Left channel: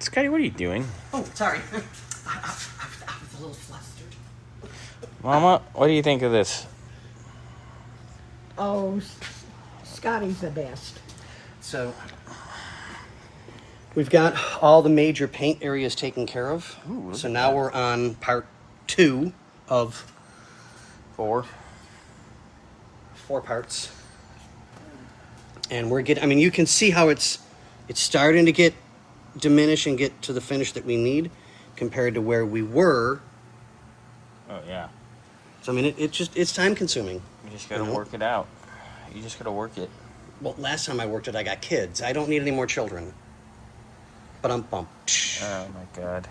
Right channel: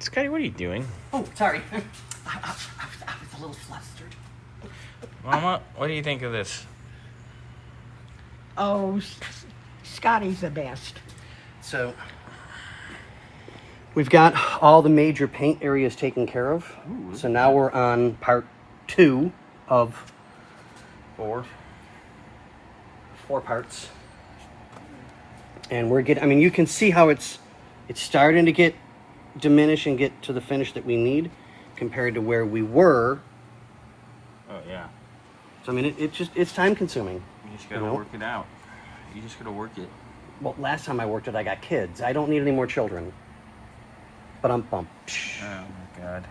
Scotty, what are you doing? Oh, sorry. I was a little flustered. Mama, what do you think of this? Oh, Scotty's the best. So, we've got all the major paint areas taken care of. Ooh, So now we're on part 2 of 4 parts. And we're getting, I mean, you can see how it's starting to get diminished and get to the finish that we need compared to where we were. Oh, yeah. So, I mean, it's time consuming. You just gotta work it out. You just gotta work it. Well, last time I worked it, I got kids. I don't need any more children. But I'm pumped. Oh, my God.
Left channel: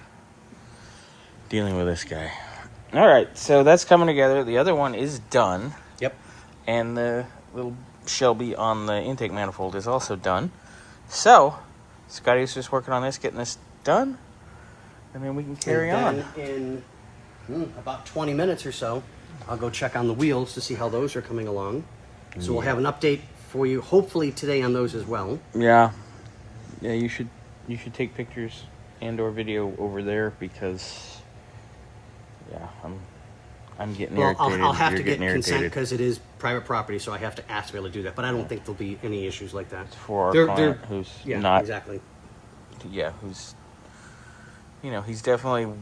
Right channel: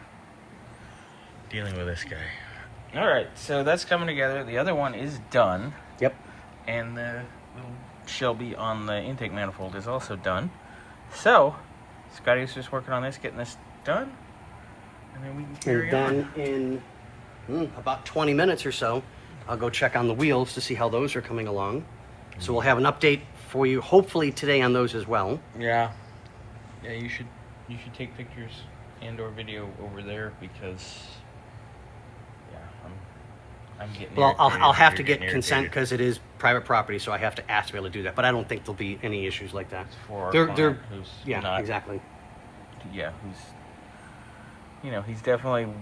Dealing with this guy. All right, so that's coming together. The other one is done. Yep. And the little Shelby on the intake manifold is also done. So, Scotty's just working on this, getting this done, and then we can carry and on. then in about 20 minutes or so, I'll go check on the wheels to see how those are coming along. So we'll have an update for you, hopefully today, on those as well. Yeah. Yeah, you should take pictures and/or video over there because, yeah, I'm getting. Well, irritated. I'll have to You're get getting consent irritated. because it is private property, so I have to ask to be able to do that. But I don't think there'll be any issues like that. For our They're client who's yeah, not exactly. Yeah, who's, he's definitely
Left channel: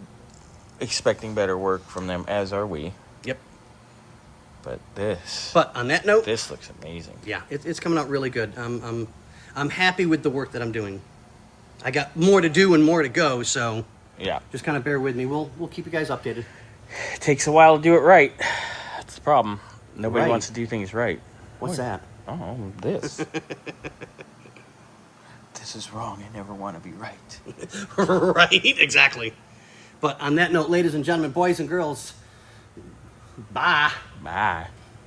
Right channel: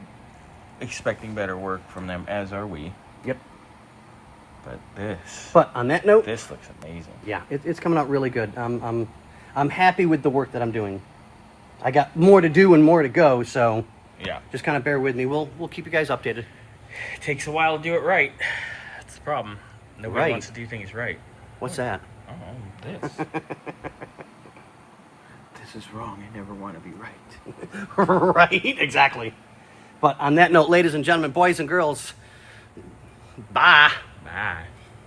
expecting better work from them, as are we. Yep. But this, But on that note, this looks amazing. yeah, it's coming out really good. I'm happy with the work that I'm doing. I got more to do and more to go, so Yeah, just kind of bear with me. We'll keep you guys updated. it takes a while to do it right. That's the problem. Nobody Right. wants to do things right. What's that? Oh, this. This is wrong. I never want to be right. Right, exactly. But on that note, ladies and gentlemen, boys and girls, bye. Bye.